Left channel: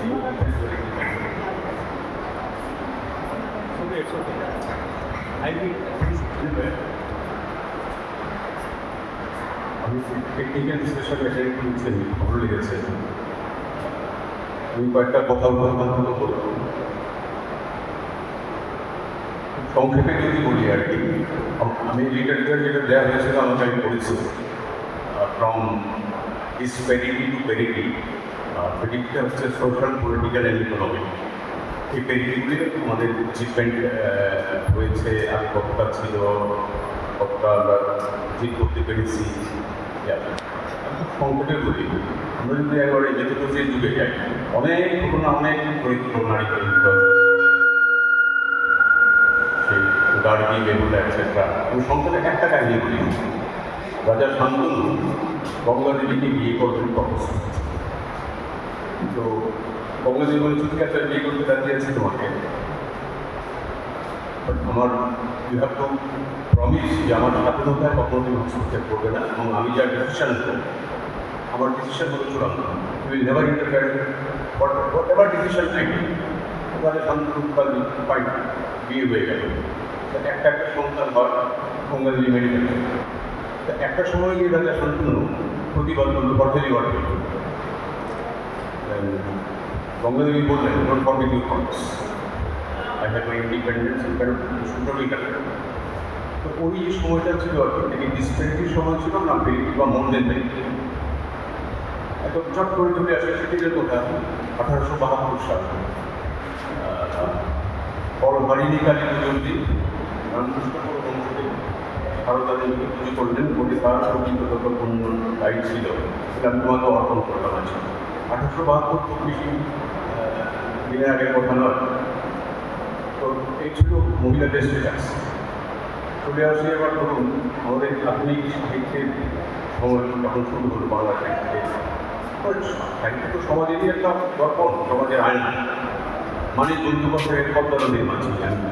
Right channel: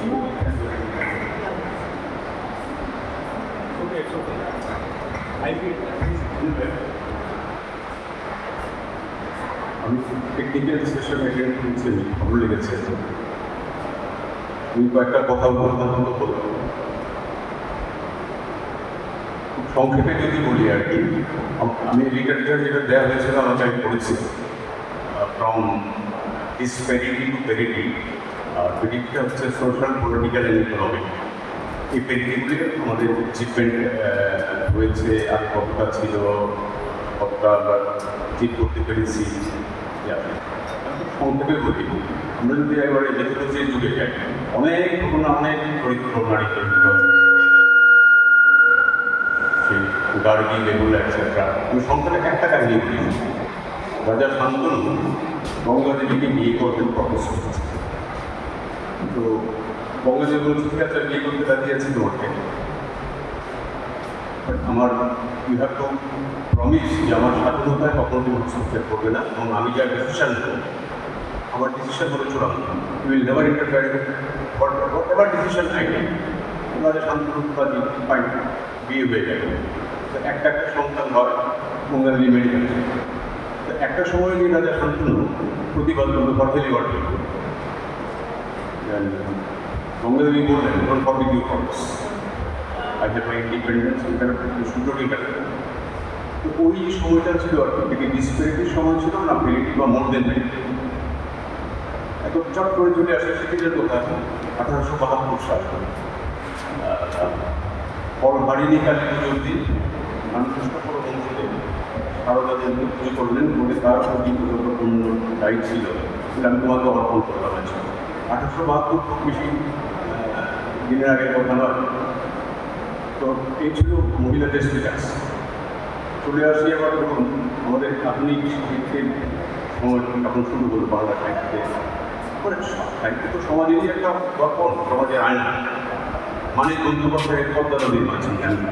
আমি technical discussion attend করছি, ভালো লেগেছে। আমি কয়েকটা কথা বলতে পারবো। সংক্ষেপে যদি বলি আর কি, আমি লিটারেচার যেটা দেওয়া হয়েছিল আমাকে আমি পড়েছি, ফ্রম ডিসপ্যারিটি টু প্যারিটি। প্যারিটিটা হচ্ছে সোশ্যাল, পলিটিক্যাল অ্যান্ড ইকোনমিক। এই প্যারিটিতে আমাদের অ্যাচিভমেন্ট হয়েছে, আর কতটা ছিল, কতটা অ্যাচিভ করতে পেরেছি। সংক্ষেপে বলি, আমরা যদি একবারে মেথোলজির যুগে যাই, অনেক ঘটনা, অনেক পরিকল্পনা সেই গার্গি, বেগুলা এটসেট্রা। আমি সংক্ষেপে একটা কাহিনী বলি। রাজা শান্তনু গঙ্গাদেবীকে বিয়ে করবেন প্রপোজ করছে। তো গঙ্গাদেবী বলছে, ঠিক আছে, বিয়ে করতে রাজি আছে তোমাকে, আমার ইউ হ্যাভ টু প্রমিস যে আমার স্বাধীনতায় কখনো তুমি হস্তক্ষেপ করবে না, এবং আমি যা ডিসিশন নেব, আমার ডিসিশন হলে চূড়ান্ত। You will never interfere whatever decision I take. রাজা শান্তনু ফাইন, বিয়ে হয়ে গেল। একটা একটা সন্তান হয়, গঙ্গাদেবী মেনে গেছে। একটা সময় গিয়ে রাজা শান্তনু প্রতিবাদ করলো, পাঠালি বাড়ল। গঙ্গাদেবী বললেন, ওর forbid you promise, I have my independence, সুযোগই কাটা। তো ওই যে সময়টা ছিল আর কি, ডিসপ্যারিটির সময় ছিল না, প্যারিটি বা মডেল নেই। এখন চট করে চলে আসে সিটিজের কথা 1872 সাল। হরিণী কালী পুজোর দিন রামকৃষ্ণপুর সংসদে সারদাদেবী পুজো করলেন, বলে তার অন্য রাইট ছিল, সেটা আমি তোমাকে অর্পণ করতে পারছি। 1872 খুব বেশি দিনের আগে কথা নয়। তো এই ছিল মহিলাদের স্ট্যাটাস। চলে আসি এবার ধরুন আমাদের আধুনিক শিক্ষিতের সময় যখন শুরু হলো বাংলা সাহিত্যে। সাহিত্য তো সমাজেরই একটা দর্পণ, সমাজের আয়না। মানে বন্ধুপক্ষের পর্দা নদীর মাঝে